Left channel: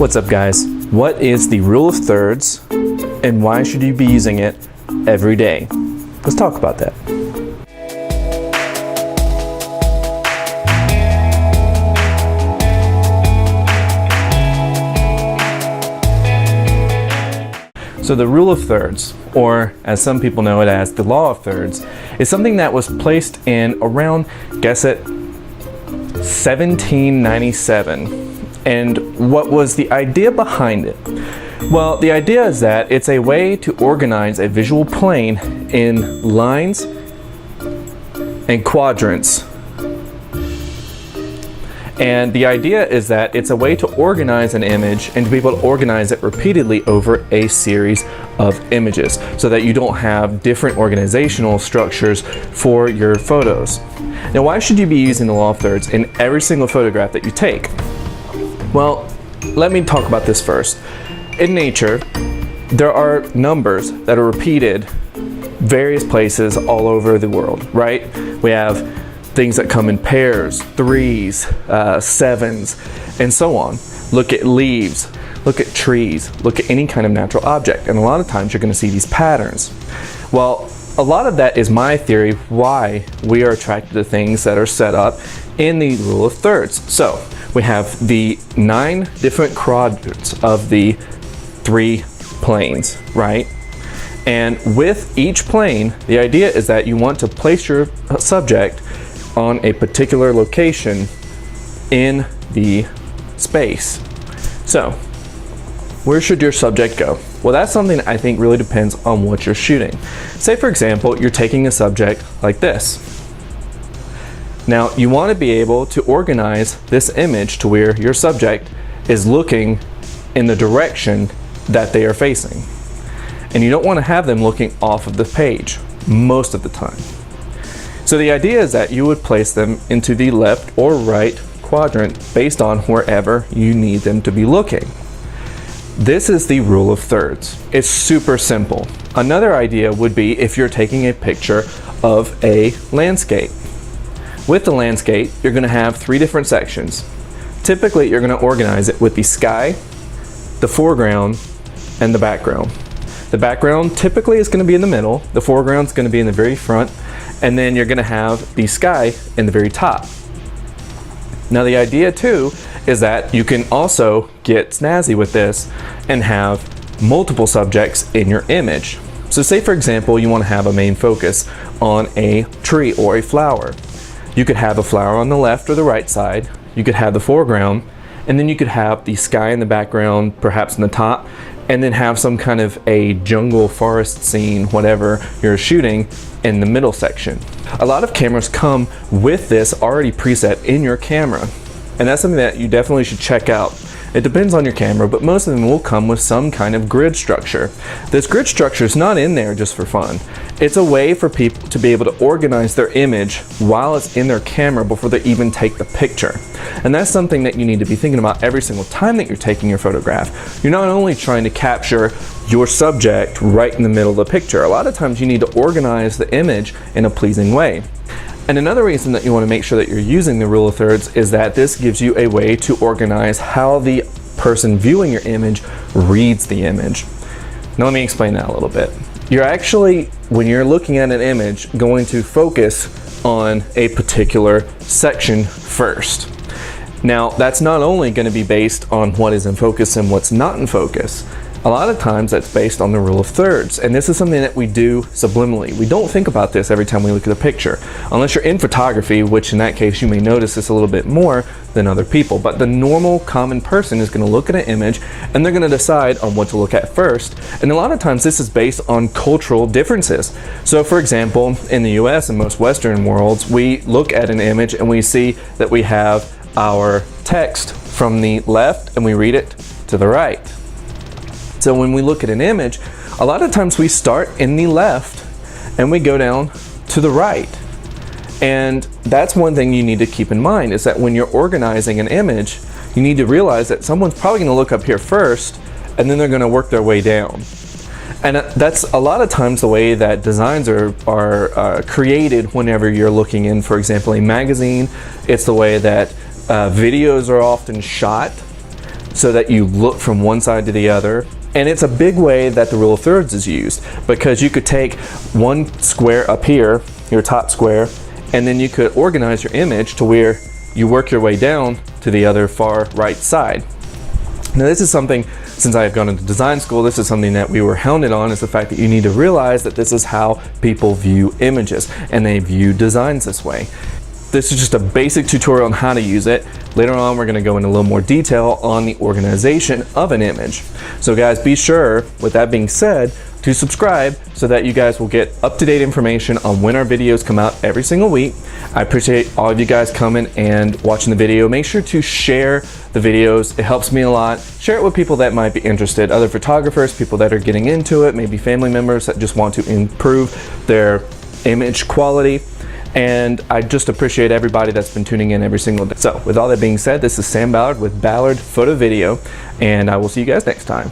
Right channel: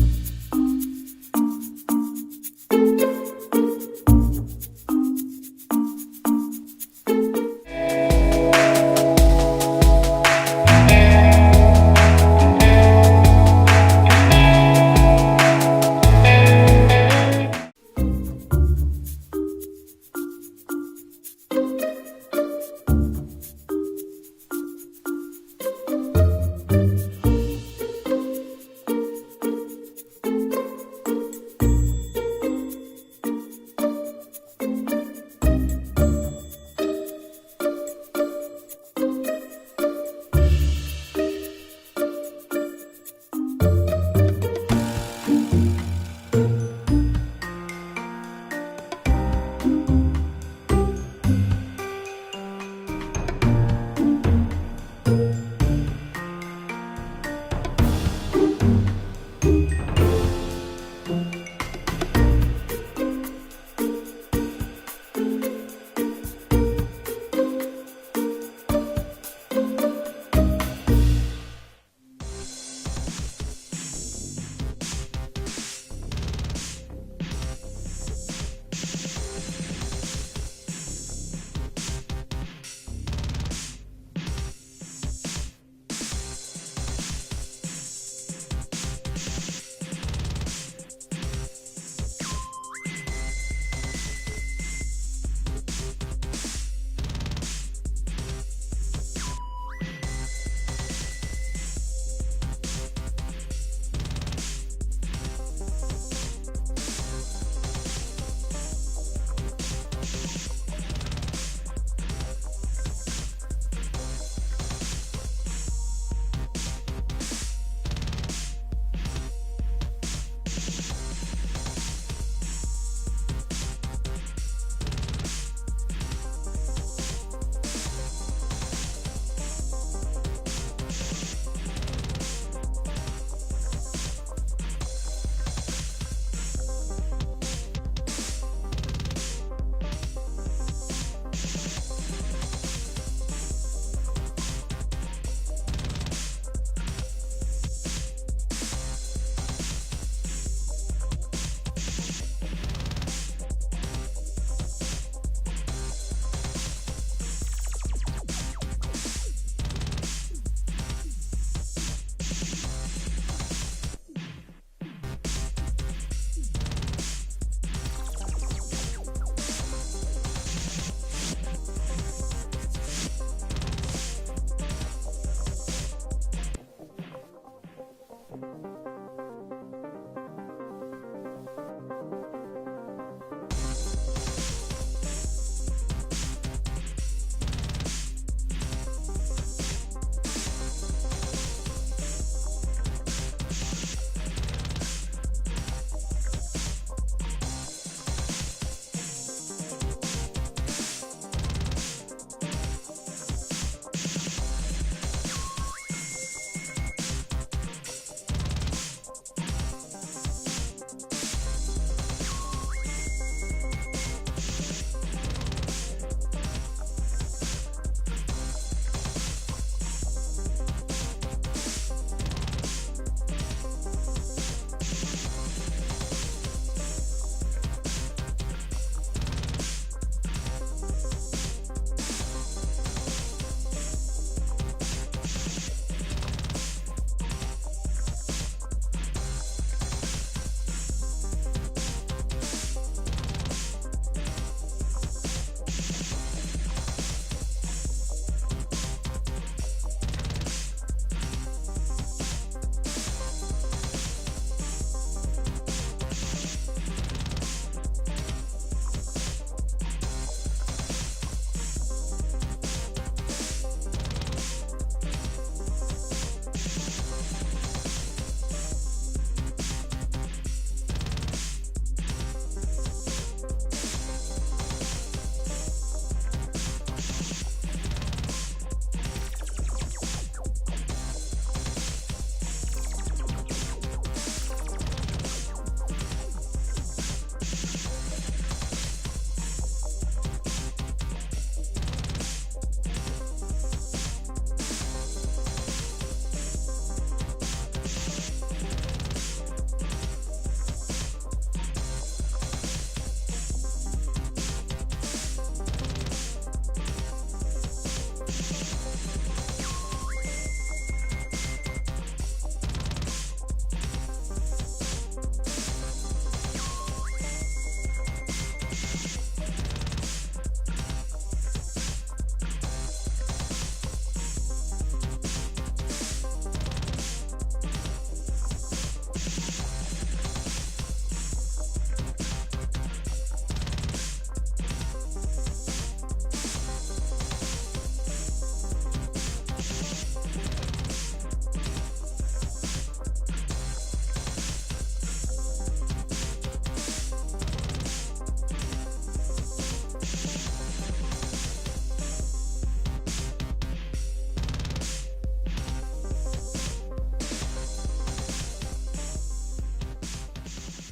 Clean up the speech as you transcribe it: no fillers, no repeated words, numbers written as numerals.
What's up, guys? What is the rule of thirds and why should you be using it every day? Let's talk about that. So the rule of thirds, or as some people know it as the law of thirds, is something that was placed in around, guess it, 1797. And what was the idea behind it? Well, the idea is that it's a way to organize a visual plane in lines and quadrants. And the idea is that it's a way to organize an image and to be able to organize it repeatedly over a series of images so that you don't have different organizational structures for your photos. Now, why should you be using the law of thirds in every single photograph that you take? Well, let me talk about this first. In nature, there are numbers that are repeated various places all over the world, right? We have things that come in pairs, threes, sevens, and so on. Look at leaves, look at trees, look at any kind of natural object, and a lot of times you're going to see these patterns. Well, a lot of that is my theory why we are attracted to things that are set up in the rule of thirds. So we have the 9 different quadrants of the 3 planes, right? And with each plane, the idea is that you want to place your subject on a particular location in the space. So, where should your subject go? Well, that's something I think really depends on what you're shooting. Say, for example, you're taking a subject like this. Now, you want to be able to organize this image to where your subject is looking in the direction that they are facing. And you don't want to have them looking off of the page most of the time. So the idea is that you would place them into the left or right quadrant based on wherever you need them to be looking. This is the rule of thirds. It's super simple. Another idea would be if you're taking a picture of a landscape. With the landscape, you're going to have 3 different sections. Typically, you're going to organize it with the sky, the foreground, and the background. The background typically is going to be in the middle, the foreground is going to be in the very front, and then you're going to have the sky in the very top. Now, the idea too is that you can also get snazzy with this and have multiple subjects in your image. So say, for example, you want to have a main focus on a tree or a flower. You could have a flower on the left or the right side, you could have the foreground, and then you could have the sky in the background, perhaps in the top, and then have some kind of a jungle forest scene, whatever you're shooting, in the middle section. A lot of cameras come with this already preset in your camera, and that's something that you definitely should check out. It depends on your camera, but most of them will come with some kind of grid structure. This grid structure is not in there just for fun. It's a way for people to be able to organize their image while it's in their camera before they even take the picture. And that's something that you need to be thinking about every single time that you're taking your photograph. You're not only trying to capture your subject right in the middle of the picture. A lot of times you need to organize the image in a pleasing way. And another reason that you want to make sure that you're using the rule of thirds is that this gives you a way to organize how the person viewing your image reads the image. Now let me explain that a little bit. You're actually, when you're looking at an image, going to focus on a particular section first. Now, that's not only going to be based on what is in focus and what's not in focus. A lot of times that's based on the rule of thirds, and this is something that we do subliminally. We don't think about this every time we look at a picture, unless you're in photography, which in that case you may notice this a little bit more than other people. But the normal common person is going to look at an image and they're going to decide on what to look at first. And a lot of times this is based on cultural differences. So for example, in the US and most Western worlds, we look at an image and we see that we have our text from the left and we read it to the right. So when we look at an image, a lot of times we start in the left and we go down to the right. And that's one thing you need to keep in mind, is that when you're organizing an image, you need to realize that someone's probably going to look up here first and then they're going to work their way down. And that's a lot of times the way that designs are created whenever you're looking in, for example, a magazine. It's the way that videos are often shot. so that you look from one side to the other. And it's a big way that the rule of thirds is used, because you could take one square up here, your top square, and then you could organize your image to where you work your way down to the other far right side. Now this is something, since I have gone into design school, this is something that we were hounded on, is the fact that you need to realize that this is how people view images, and they view designs this way. This is just a basic tutorial on how to use it. Later on, we're gonna go into a little more detail on the organization of an image. So guys, be sure, with that being said, to subscribe so that you guys will get up-to-date information on when our videos come out every single week. I appreciate all of you guys coming and watching the video. Make sure to share the videos. It helps me a lot. Share it with people that might be interested, other photographers, people that are getting into it, maybe family members that just want to improve their image quality. And I just appreciate everybody that's been tuning in every single day. So with all that being said, this is Sam Ballard with Ballard Photo Video, and I will see you guys next time.